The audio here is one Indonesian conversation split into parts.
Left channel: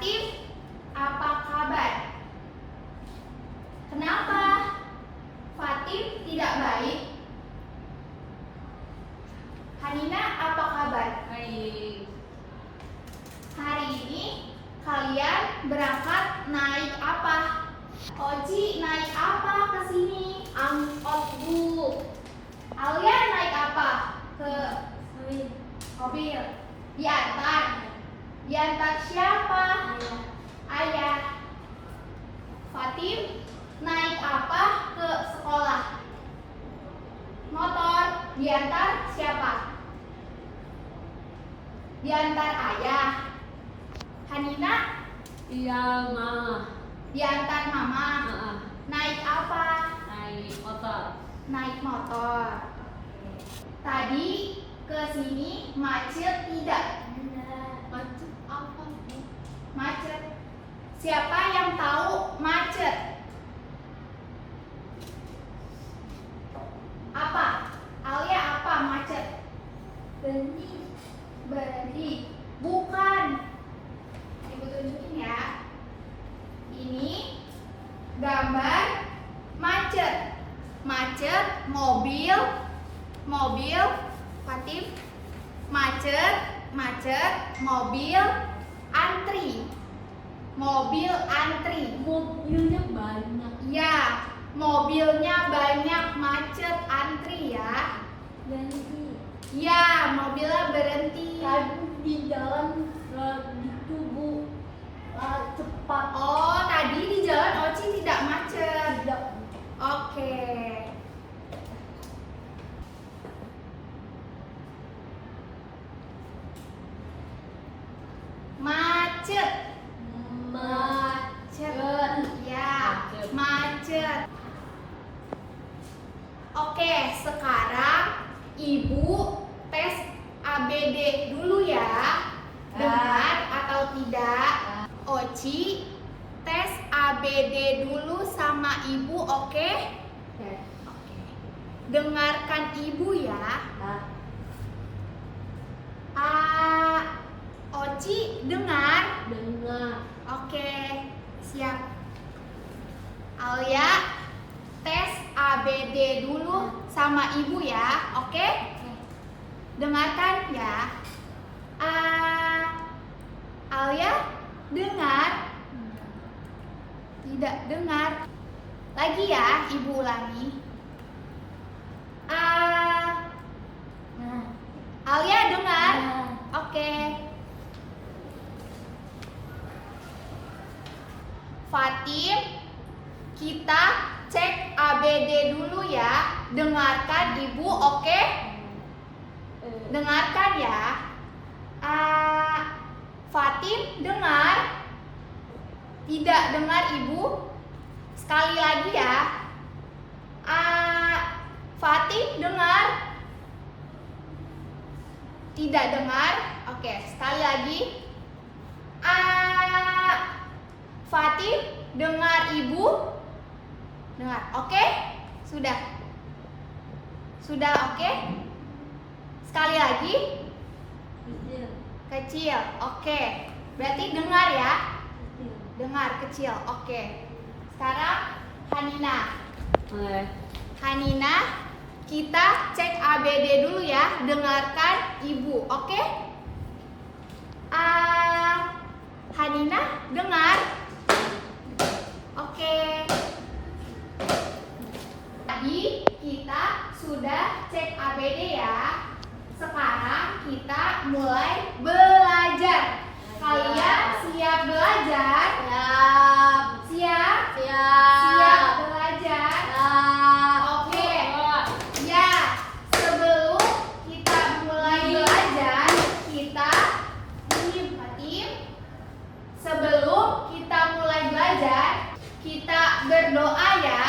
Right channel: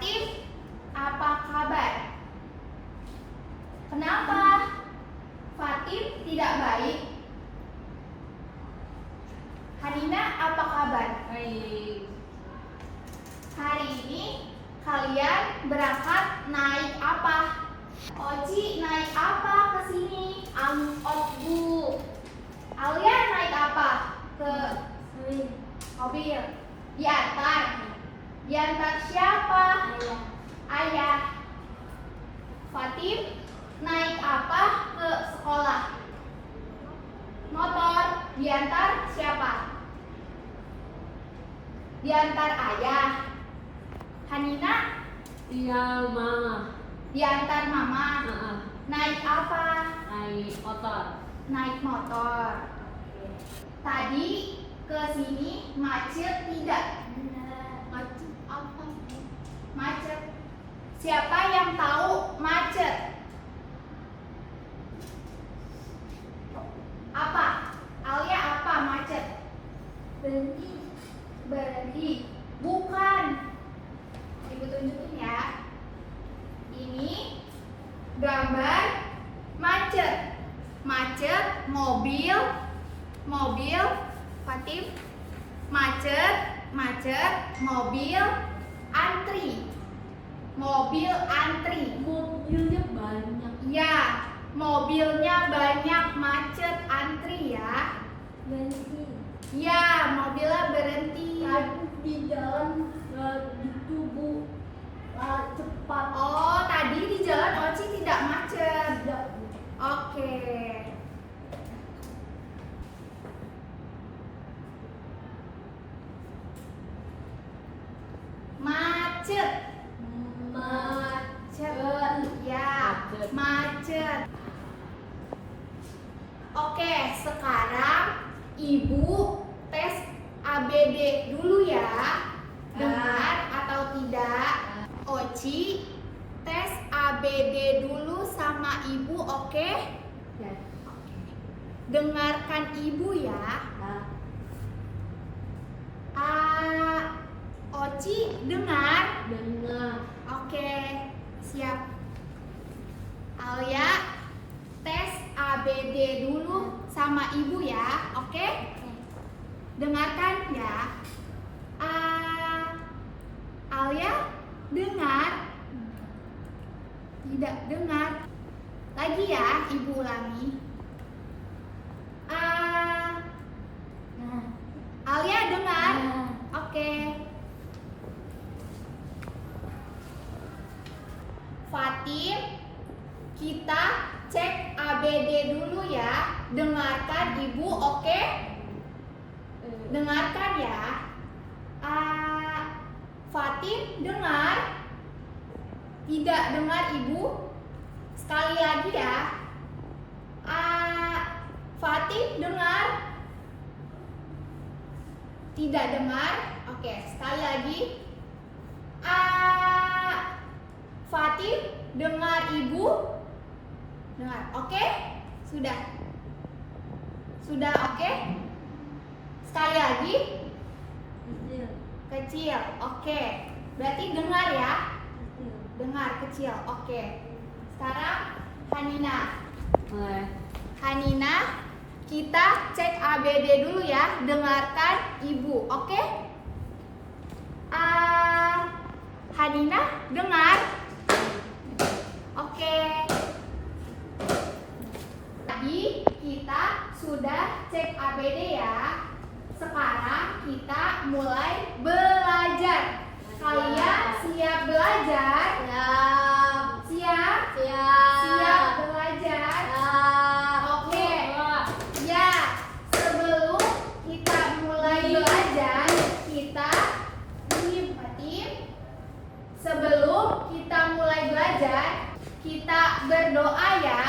Fatim, apa kabar? Kenapa Fatim tidak baik? Hanina, apa kabar? Baik. Hari ini kalian berangkat naik apa? Oci naik apa ke sini? Angkot, Bu. Alia naik apa? Ke mobil. Diantar. Diantar siapa? Ayah. Fatim naik apa ke sekolah? Motor. Diantar siapa? Diantar ayah. Hanina Iya, Mama. diantar mama. Naik apa? Naik motor. Naik motor. Tadi ke sini macet tidak? Macet apa? Macet. Siapa yang tahu macet? Apa? Alia, apa macet? Berhenti. Bukan. Ibu tunjukin ya. Ini gambar macet. Macet, mobil, Fatim. Macet, mobil, antri. Mobil antri. Mobilnya banyak. Ya, mobilnya banyak, macet, antri ya. Berhenti. Ya, mobilnya berhenti. Tadi di jalan gitu, Bu. Cepat. Oh, tadi di jalan Oci tidak macet. Tidak. Oke. Macet. Ya, macet. Oke, sekarang Ibu tes ABD dulu ya. Dengar atau tidak? Oci tes ABD dulu sama Ibu, oke? Oke. Dengarkan Ibu ya. Oci dengar? Dengar. Oke, siap. Alia tes ABD dulu sama Ibu ya, oke? Dengarkan ya. Alia dengar? Tidak dengar. Lagi ya, Ibu ulangi. Alia dengar? Oke. Fatim, kita cek ABD dulu ya. Dengarkan Ibu, oke? Dengarkan ya. Fatim dengar? Tidak dengar Ibu? Sekali lagi ya. Fatim dengar? Tidak dengar? Oke, sekali lagi. Fatim dengar Ibu? Dengar, oke? Sudah? Sudah oke? Sekali lagi? Kecil, oke. Berarti dengar ya? Dengar, kecil, oke. Sekarang Hanina. Hanina, kita cek ABD dulu ya. Dengarkan Ibu, oke? Hanina dengar? Oke. Tadi kita sudah cek ABD ya. Sekarang kita mulai belajar. Kalian siap belajar? Siap? Siap belajar? Oke. Ya, sebelum kita mulai belajar, kita Fatim. Sebelum kita mulai belajar, kita berdoa ya.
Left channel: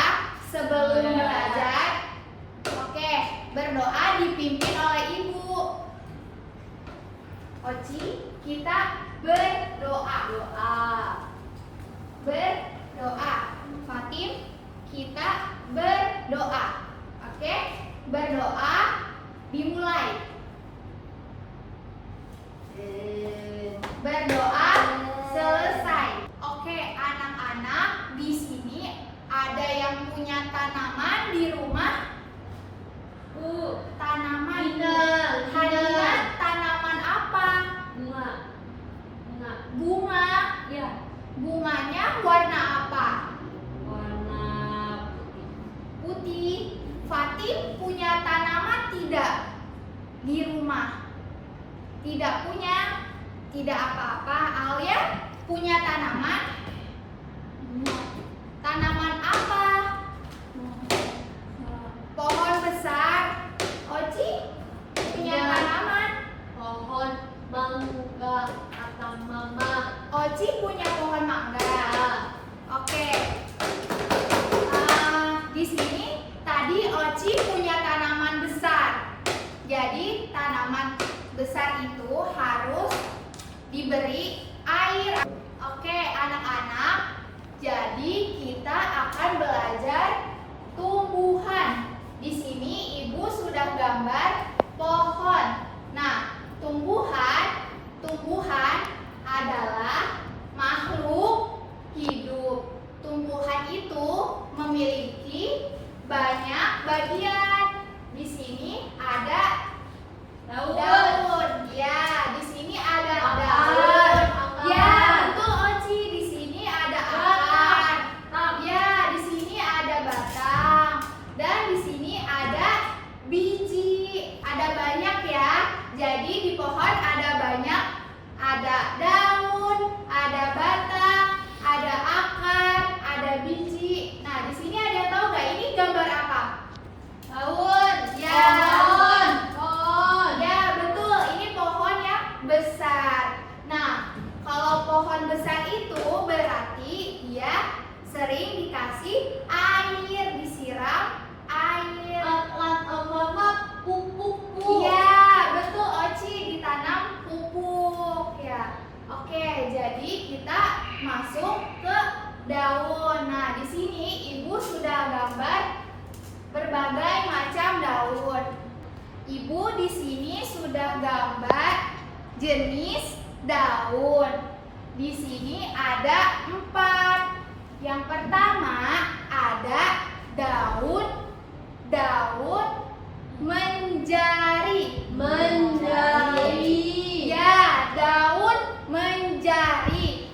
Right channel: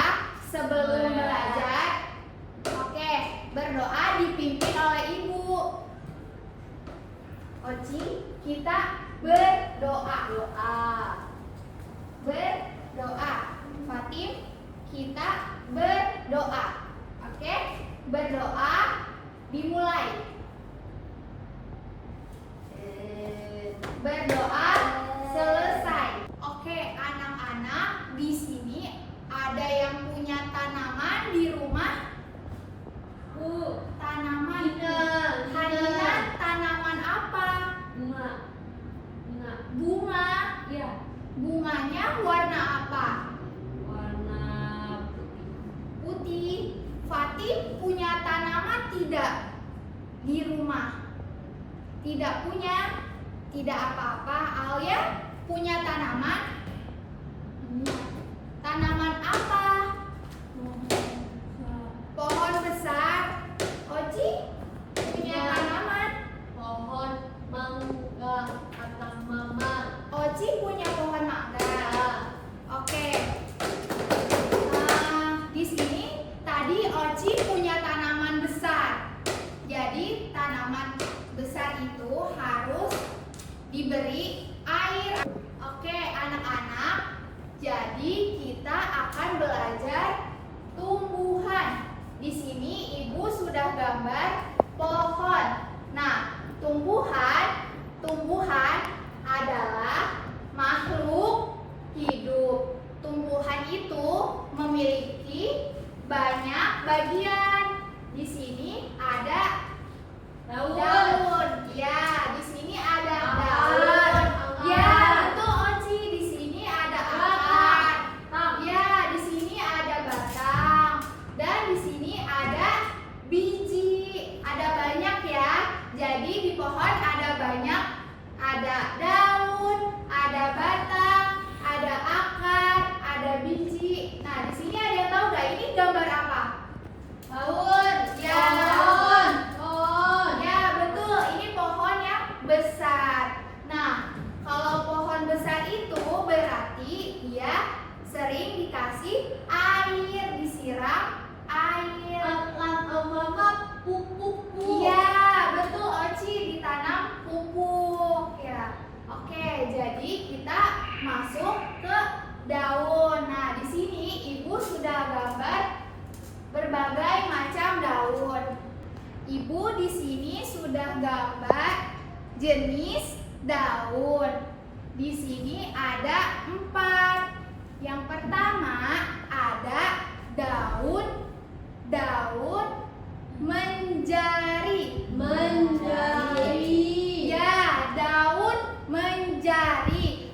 Sebelum belajar, oke, berdoa dipimpin oleh Ibu. Oci, kita berdoa. Berdoa. Fatim, kita berdoa. Oke, berdoa dimulai. Berdoa selesai. di rumah. Tanaman. Haliman tanaman apa? Bunga. Ya, Bunganya warna apa? warna Putih. Fatim punya tanaman tidak di rumah? Tidak punya. Tidak apa-apa. Alia punya tanaman? Tanaman apa? Pohon besar. Oci punya Iya. tanaman? pohon mangga kata mama. Oci punya pohon mangga. Ya, Oke. Di sini tadi Oci punya tanaman besar. Jadi tanaman besar itu harus diberi air. Oke, anak-anak. Jadi kita akan belajar tumbuhan. Di sini Ibu sudah gambar pohon. Nah, tumbuhan adalah makhluk hidup. Tumbuhan itu memiliki banyak bagian. Di sini ada daun. Ya, di sini ada daun. Ya, betul Oci. Di sini ada akar. Ya, di sini ada batang. Dan di sini ada biji. Ada banyak ya. Jadi di pohon ada banyak. Ada daun, ada batang, ada akar, ada biji. Nah, di sini ada yang tahu nggak ini gambar apa? daun. Ya. Pohon. Ya, betul. Ini pohon yang besar. Nah, kalau pohon besar itu berarti dia sering dikasih air, disiram air. Pupuk. Iya, betul Oci, ditanam pupuk ya. Oke, jadi kita masuk ke daun. Nah, di sini Ibu sudah gambar berbagai macam daun. Ibu di sini sudah gambar jenis daun. Di sini ada 4. Yang pertama ada daun menjari. Ya, daun menjari.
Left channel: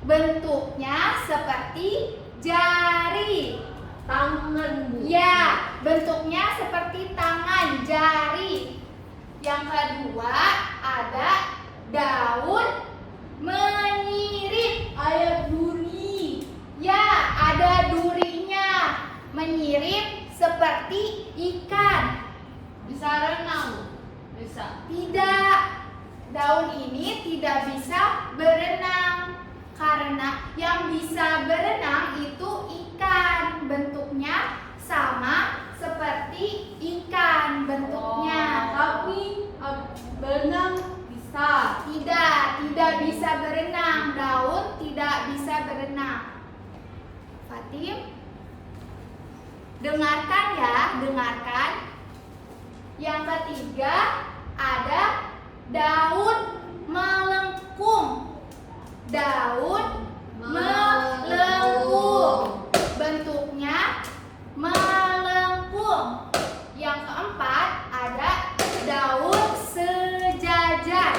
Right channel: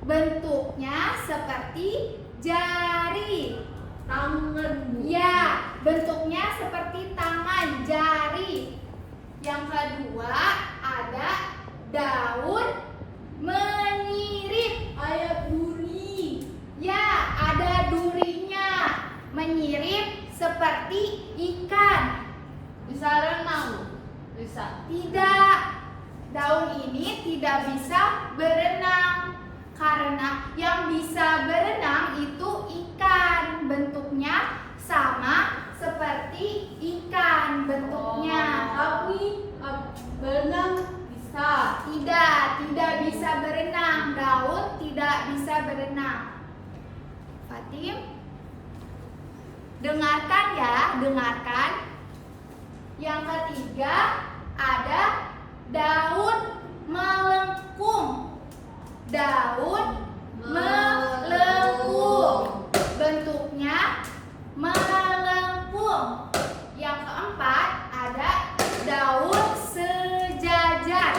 Bentuknya seperti jari. Tangan, Bu. Ya, bentuknya seperti tangan, jari. Yang kedua ada daun menyirip. Ayam duri. Ya, ada durinya. Menyirip seperti ikan. Bisa renang. Bisa. Tidak, daun ini tidak bisa berenang. Karena yang bisa berenang itu ikan. Bentuknya sama seperti ikan bentuknya. Tapi berenang bisa. Tidak bisa berenang. Daun tidak bisa berenang. Fatim, dengarkan ya, dengarkan. Yang ketiga ada daun melengkung. Daun melengkung. Bentuknya melengkung. Yang keempat ada daun sejajar.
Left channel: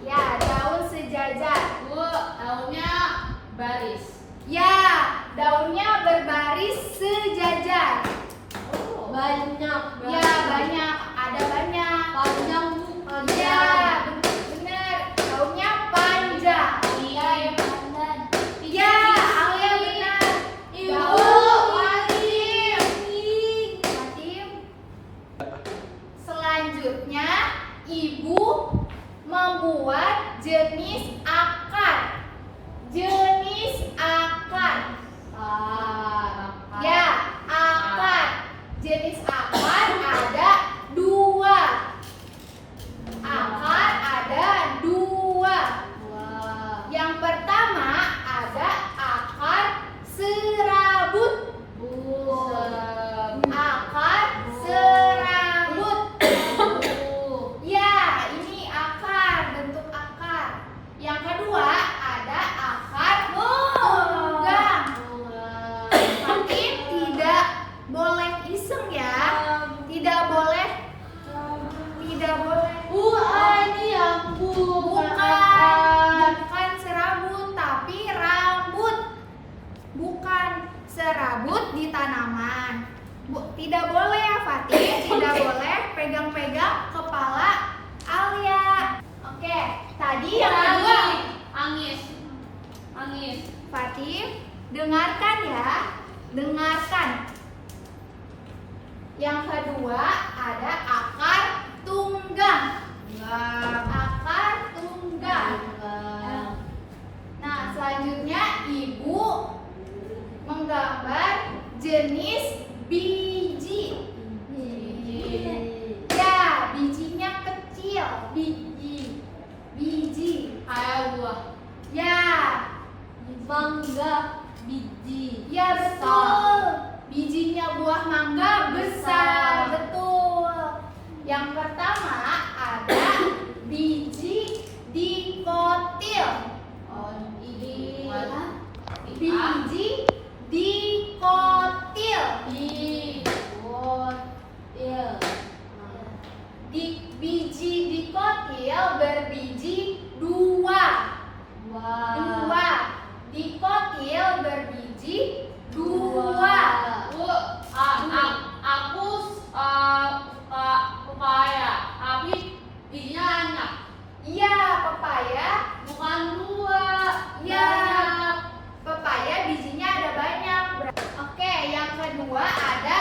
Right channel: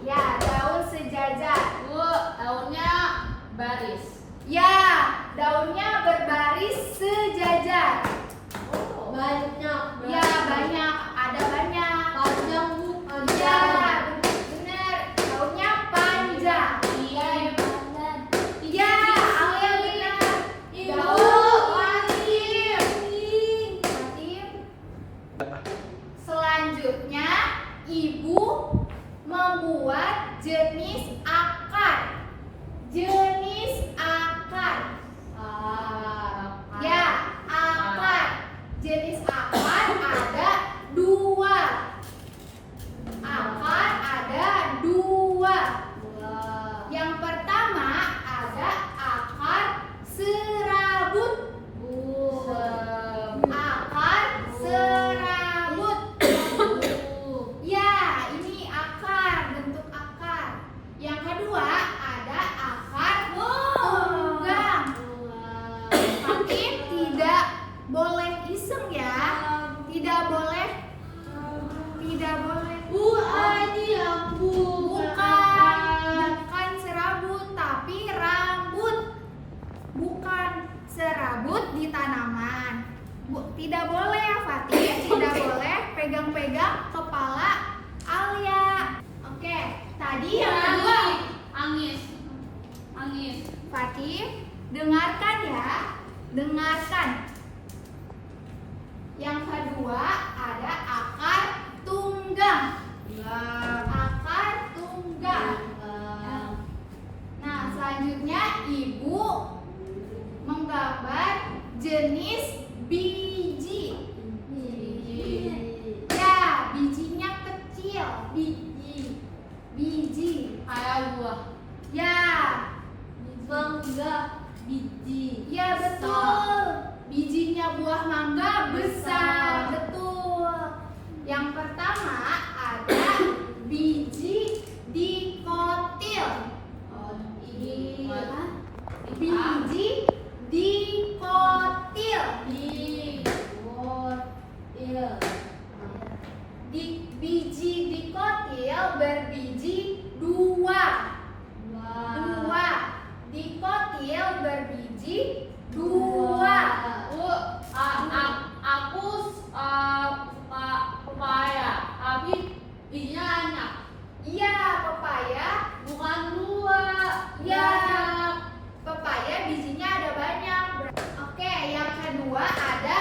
Ya, daun sejajar. Bu, daunnya baris. Ya, daunnya berbaris sejajar. Banyak. Ya, banyak. Ada banyak. Panjang, Bu. Ya, Panjang. benar. Daunnya panjang. Iya, ya, panjang. Ya, Alia benar. Ibu, Daun lari. boleh iseng ya. Tidak boleh. Tidak boleh. Ini yang Bukan serabut, tapi rambut. Bukan serabut di tanaman. Tidak boleh ya Fatih, tidak boleh pegang-pegang kepala Alia. Oke, tadi yang kedua. Angis. Fatih, dengarkan ya. Dengarkan. Yang kedua ada akar tunggang. Akar tunggang. Nah, selanjutnya Ibu menggambar jenis biji. Ya, bijinya kecil. Biji. Kayak buah. Ya. Mangga. Biji. Ya, betul. Bijinya buah mangga besar. Betul. Yang pertama ada biji dikotil. Biji dikotil. Biji dikotil berbiji dua. Dikotil berbiji dua. Aku suka pepaya, tapi bijinya banyak. Iya, pepaya. Bukan dua. Iya. Banyak. Pepaya bijinya ada banyak. Oke, yang kedua ada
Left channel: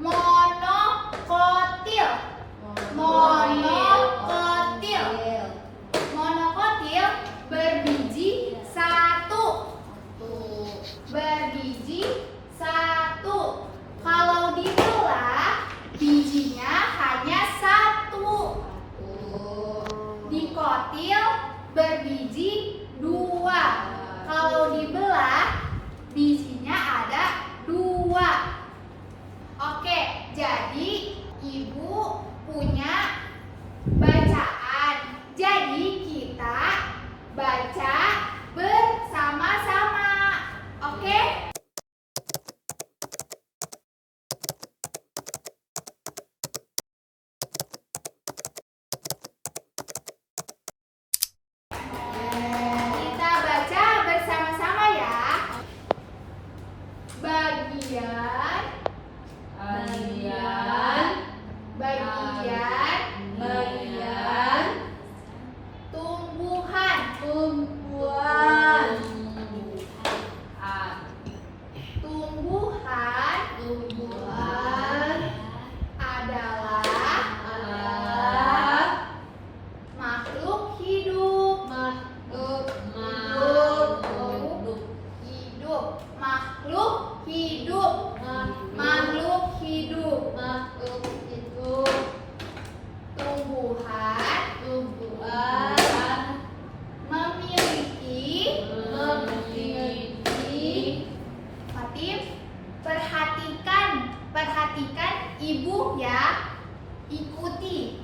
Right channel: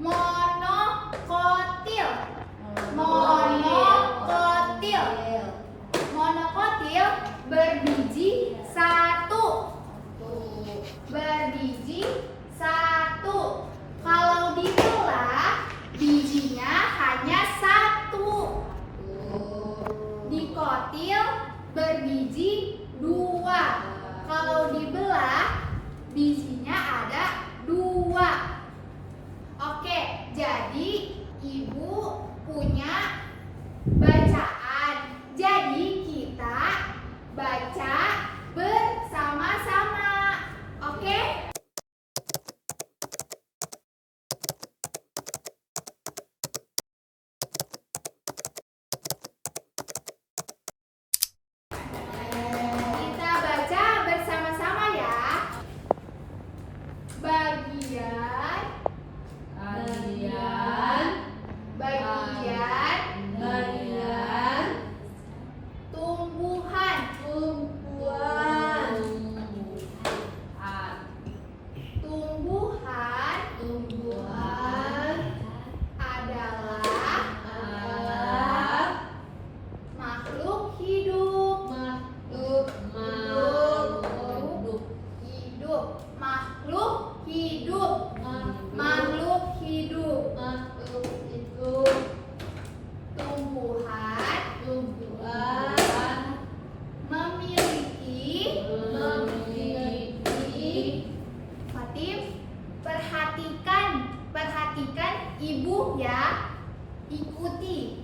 monokotil. Monokotil berbiji satu. Kalau dibelah bijinya hanya satu. Dikotil berbiji dua. Kalau dibelah bijinya ada dua. Oke, jadi Ibu punya bacaan. Jadi kita baca bersama-sama. Oke? Kita baca bersama-sama ya. Bagian tumbuhan. Tumbuhan adalah makhluk hidup. Makhluk hidup. Tumbuhan memiliki. Fatih, perhatikan Ibu ya. Ikuti.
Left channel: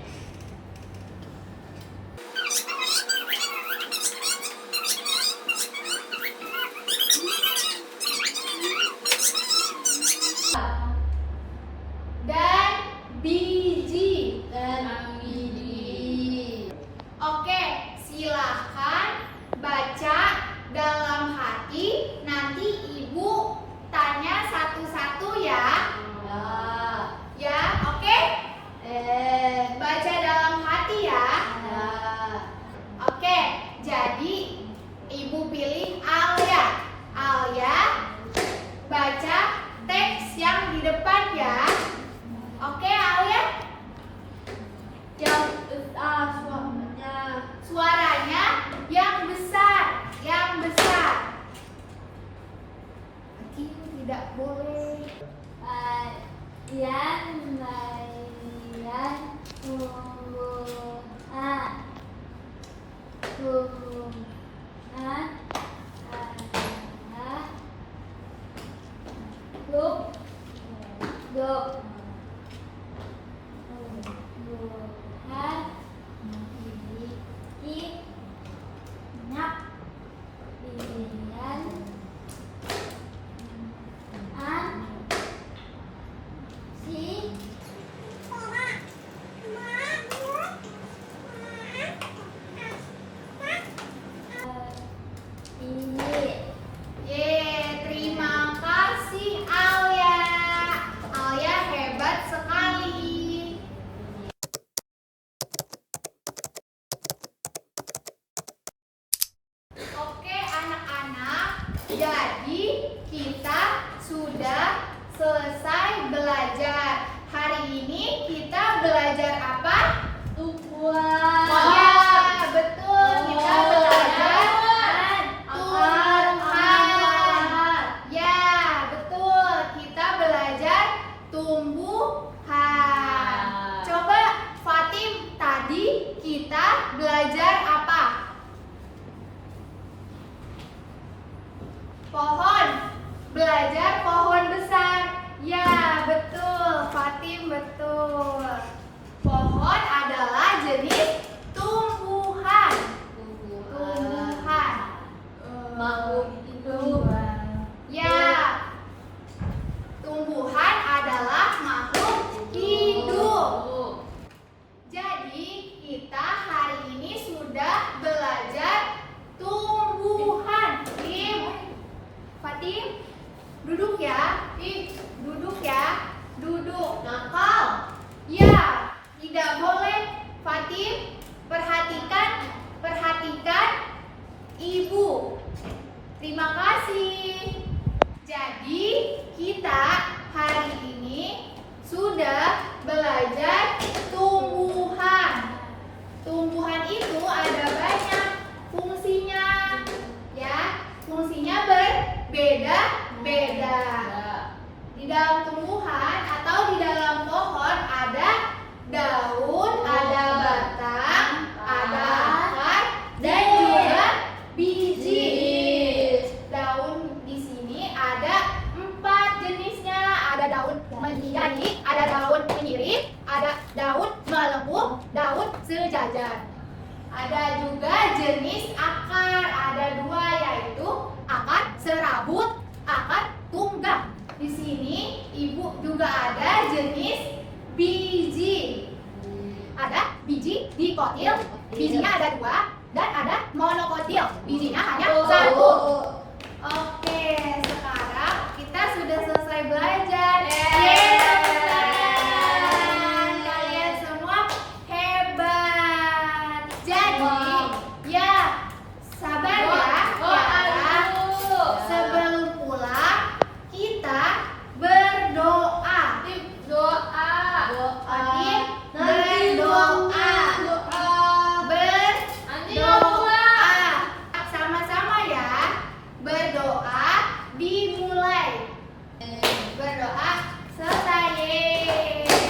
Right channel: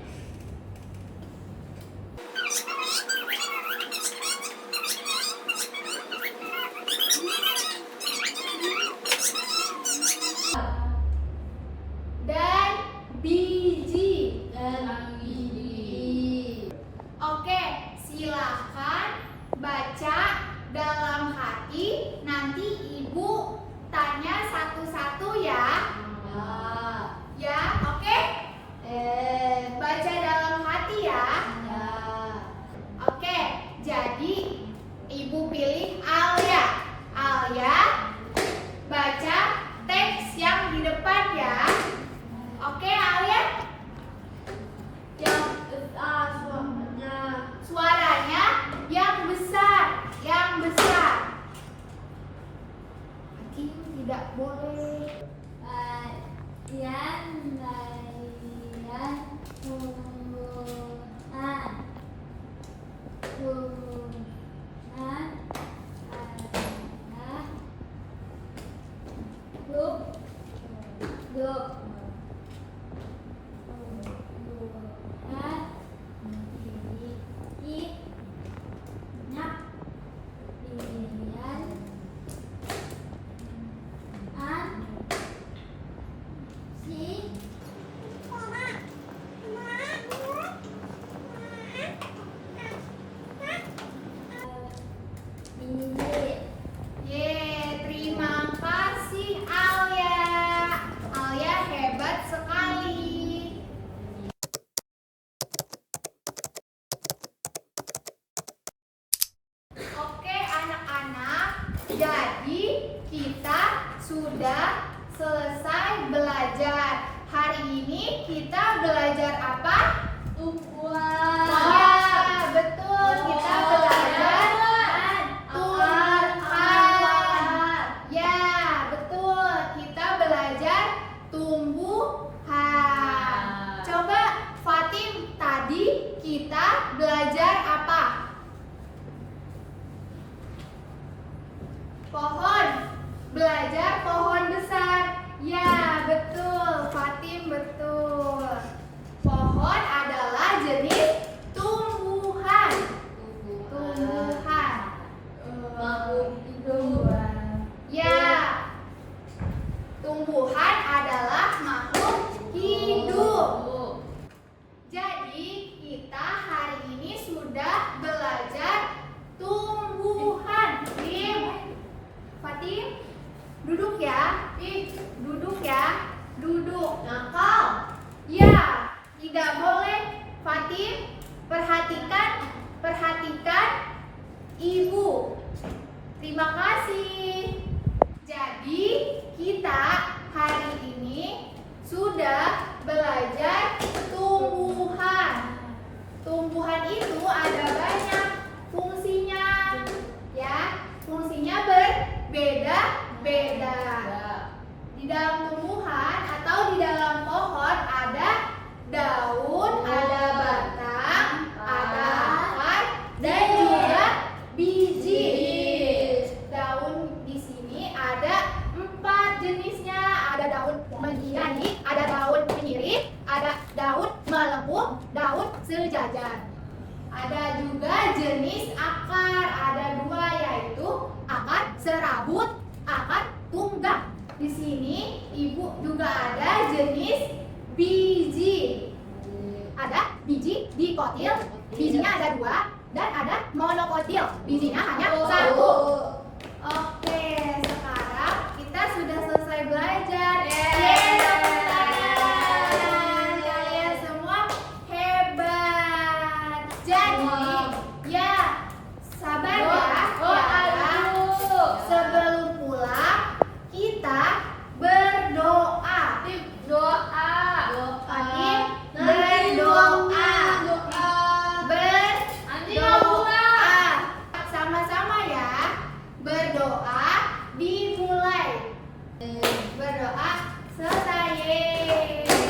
Dan biji. Oke, silahkan baca dalam hati. Nanti Ibu tanya satu-satu ya. Ya, oke? Baca dalam hati ya. Oke, jadi Ibu pilih Alia. Alia, baca teks yang di depan ya. Oke, Alia? Suaranya yang besar. Aki tidak boleh. Jadi kita sudah selesai belajar. Hari ini kita belajar apa? Tumbuhan. Ya, betul. Kita belajar tumbuhan. Ya, betul. Kita belajar tumbuhan. Coba Fatim, tadi kita belajar apa? Pohon. Belajar pohon besar. Ya, betul. Fatim, betul. Pohon adalah jenis tumbuhan. Tumbuhan. Makhluk hidup. Ya. Tumbuhan adalah makhluk hidup. Jadi, kita hari ini sudah belajar tumbuhan. Fatim, duduk ya. Duduk ya. Duduk. Nakal. Ya, tidak boleh. Fatim, perhatikan ibu. Terima kasih. Jadi, kita hari ini sudah belajar tumbuhan. Tumbuhan itu ada banyak fungsinya. Ya, fungsinya berbeda-beda. Di dalam tumbuhan atau di dalam pohon ada daun, ada batang, ada akar, dan juga biji. Daun di sini ada 4 jenisnya. Ada daun menjadi, ada daun menyirip, ada daun melengkung, daun sejajar. Ada juga jenis akar, ada 2 yaitu akar serabut, akar tunggang. Di sini ibu juga ada jenis biji. Ada biji dikotil, bijinya ada 2, dan ada monokotil, bijinya hanya 1. Oke, sekarang kita sudah selesai belajar. Yeay, tepuk tangan. Kalian semua hebat. Jadi, ya, sabar ya. Sebelum pulang, kita berdoa. Fatim, berdoa. Berdoa. Sama-sama ya. Berdoa dimulai. Berdoa selesai.